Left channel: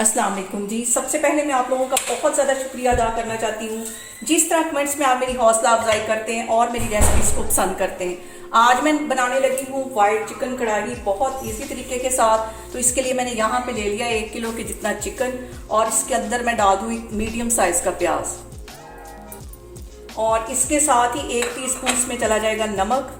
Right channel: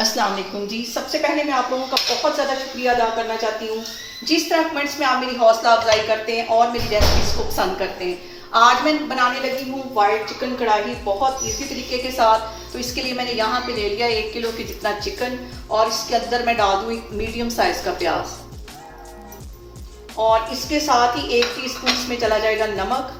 अस्सलाम वालेकुम जी। सबसे पहले मैं आप लोगों का बहुत ज़्यादा शुक्रिया अदा करना चाहती हूँ जिस तरह कमेंट्स में आप मेरी हौसला अफजाई करते हैं और मेरी रेसिपीज़ को पसंद करते हैं। आज मैं बनाने लगी हूँ वाइट चिकन कढ़ाई बहुत इजी तरीके के साथ। तो इसके लिए मैंने यहाँ पे ले लिया 1 किलो के जितना चिकन और इसके अंदर मैं डाल दूँ मीडियम साइज़ का प्याज और इसके साथ ही 1 टीस्पून इसमें चला जाएगा नमक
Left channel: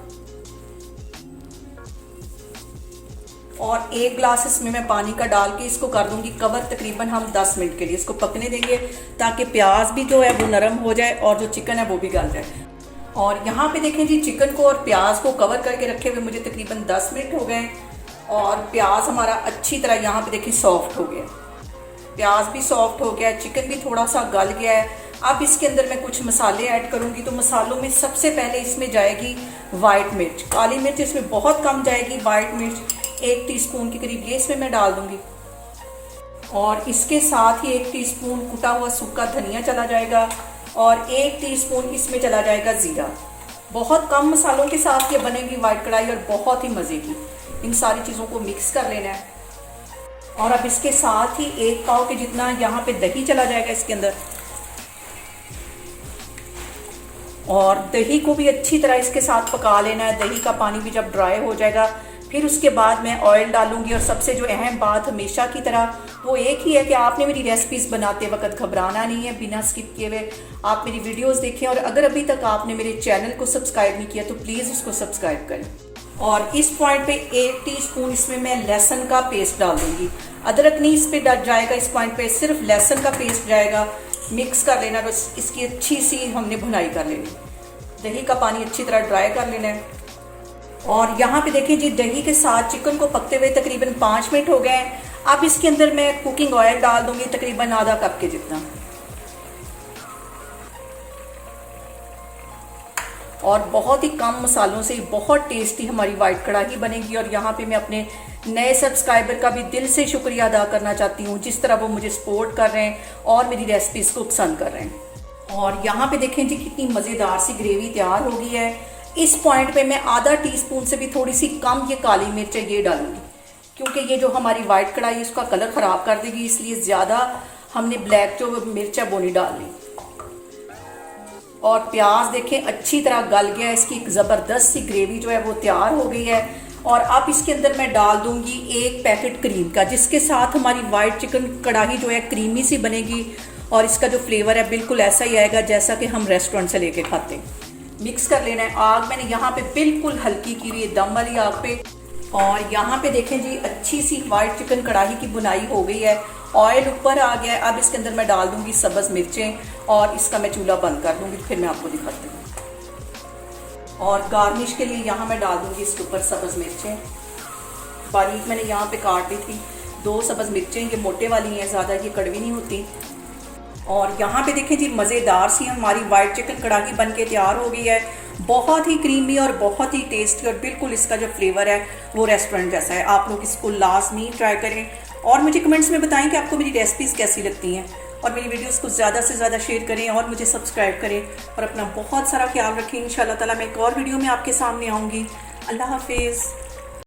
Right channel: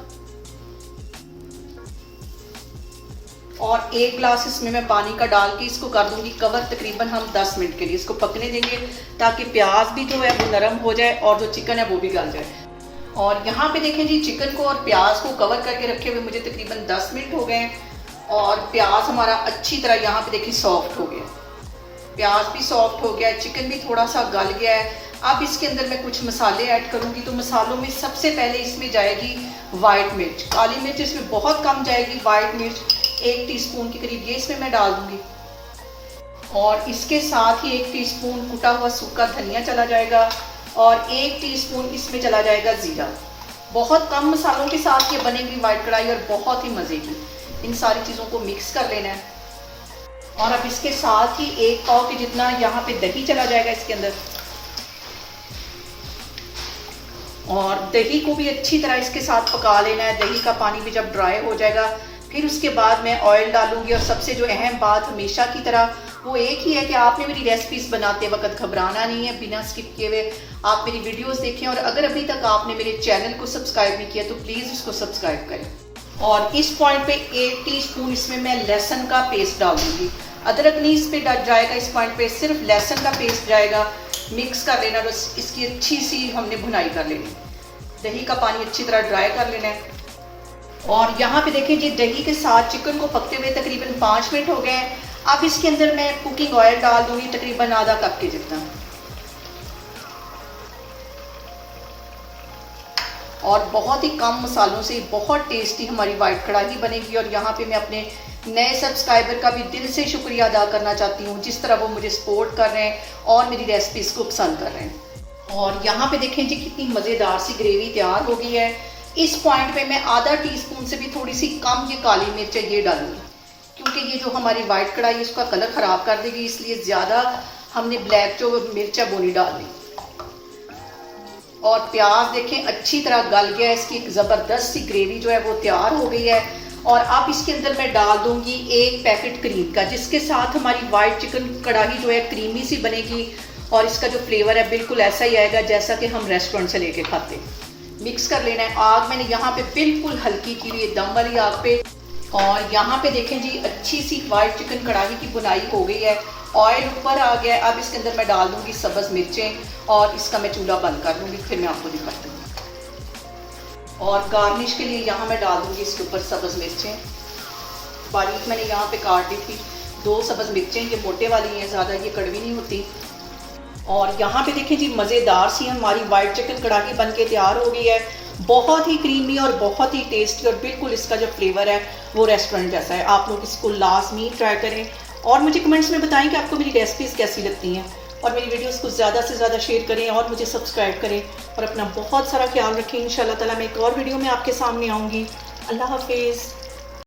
और 1 ग्लास इसमें मैं पानी का डाल के इसको कर दूंगी कवर। तकरीबन हम 10 मिनट के लिए इसको पकने देंगे ताकि प्याज भी जो है वो नरम हो जाए और जो चिकन है वो भी गल जाए। और यहाँ पे देखें जी, चिकन को और प्याज को कवर करके रखे हुए मुझे तकरीबन 10 मिनट हो गए और प्याज हमारा अच्छी तरह यहाँ पे देखिए सॉफ्ट हो गया, प्याज भी सॉफ्ट हो गया, चिकन भी थोड़ा सा गल गया है। अब इसके अंदर मैं कुछ मसाले ऐड करूँगी। तो मसालों में सबसे पहले इसमें जाएगी वाइट मिर्च, काली मिर्च इसमें बहुत कम जाएगी, वाइट मिर्च 1 टीस्पून के करीब ये इसमें मैं डाल दूंगी और इसके साथ ही 1 टीस्पून कुटा हुआ सूखा धनिया चला जाएगा और 1 टीस्पून इसमें चला जाएगा ज़ीरा। बहुत कम मसालों के साथ ये बनेगी वाइट कढ़ाई और बहुत ही मज़े की। इन सारी चीज़ों को मिक्स कर लेना है और अब इसके साथ ही 1 पाव के जितना यहाँ पे दही चला जाएगा इसके अंदर और दही को भी अच्छी तरह इसके साथ पका लेना है। दही का पानी भी जब ड्राई हो जाएगा फिर उसके बाद मैं ऑयल डालूंगी। और सबसे जो अहम बात हमेशा की तरह वो एक ही है कि आपने मेरी रेसिपीज़ बनाते वक्त घबराना नहीं है, बिना स्किप किए हुए आप मेरी वीडियोस देखें और अगर अभी तक आपने मेरे चैनल को सब्सक्राइब नहीं किया तो प्लीज़ उसको सब्सक्राइब करें। और इस पॉइंट पे 1 टीस्पून इसमें मैं लहसुन का पेस्ट डाल दूँगी। अदरक नहीं इस पर जाएगा, इस पॉइंट पे सिर्फ लहसुन का पेस्ट जाएगा। मिक्स कर लेना, बस इसकी अच्छी सी हमने भुनाई कर लेनी। दही का पानी अच्छी तरह ड्राई कर लेना है और यहाँ पे देखें जी, दही के साथ चिकन को पकते हुए तकरीबन 5 मिनट हो गए हैं। अब इसके अंदर मैं कुकिंग ऑयल डाल दूंगी तकरीबन आधा कप के जितना और बहुत ही कम मसालों से बहुत टेस्टी हमारी वाइट कढ़ाई बनेगी। और यहाँ पे मैं अपने नए सब्सक्राइबर का भी दिल से शुक्रिया अदा करना चाहती हूँ जिस तरह वो मुझे सपोर्ट कर रहे हैं और मेरी रेसिपीज़ को पसंद कर रहे हैं। और यहाँ पे देखें जी, कितनी मज़ेदार सी ग्रेवी तैयार हो गई है। इस पॉइंट पे मैं आधा टीस्पून से भी थोड़ी सी कम ये काली मिर्च है ये डालूंगी क्योंकि ये जो हमारी वाइट कढ़ाई है उसका कलर ख़राब कर देगी, इसलिए ज़्यादा हमने ब्लैक जो मिर्च है वो नहीं डालनी। और प्याज देखें अच्छी तरह गल गया है, इसकी एक ज़बरदस्त सी ग्रेवी जो है वो तैयार हो गई है। और अब इसके अंदर मैं डाल दूंगी 1 पैकेट क्रीम का जिसके साथ हमारी वाइट चिकन कढ़ाई जो है क्रीमी सी बनेगी और इसका जो फ्लेवर है बिल्कुल ऐसा ही आएगा जैसा कि हम रेस्टोरेंट से लेके खाते हैं। मिक्स कर लेना है। आग मैंने यहाँ पे बिल्कुल हल्की की हुई है, दम वाली आग पे। और यहाँ पे देखें जी, अच्छी सी वाइट चिकन कढ़ाई की बुनाई हो गई है, ऑयल ऊपर आ गया है। अब इसके अंदर मैं डाल दूंगी सब्ज़ मिर्चें और इसका मैं चूल्हा बंद कर दूंगी, फिर मैं आपको दिखाती हूँ। और गार्निश के लिए यहाँ मैं डाल दूंगी इसके ऊपर सब्ज़ मिर्चें, बारीक मैंने यहाँ पे काट दी थी 2 सब्ज़ मिर्चें, ये मोटे वाली हैं, ज़्यादा ये कड़वी नहीं होती। और यहाँ पे देखें जी, मज़ेदार सी हमारी वाइट चिकन कढ़ाई बन के तैयार हो गई है, बहुत ही क्रीमी और बहुत ही टेस्टी और बिल्कुल इसका जो फ्लेवर है वो रेस्टोरेंट जैसा है। आप लोग इसको लाजमी ट्राई करें और मुझे कमेंट्स में बताएं कि आपको मेरी रेसिपीज़ कैसी लगती हैं और मेरी वीडियोस को ज़्यादा से ज़्यादा शेयर करें और मुझे सब्सक्राइब करें और अपना बहुत सारा ख्याल रखें। इंशाल्लाह ताला मैं एक और वीडियो में आपके सामने आऊँगी। अल्लाह हाफिज़।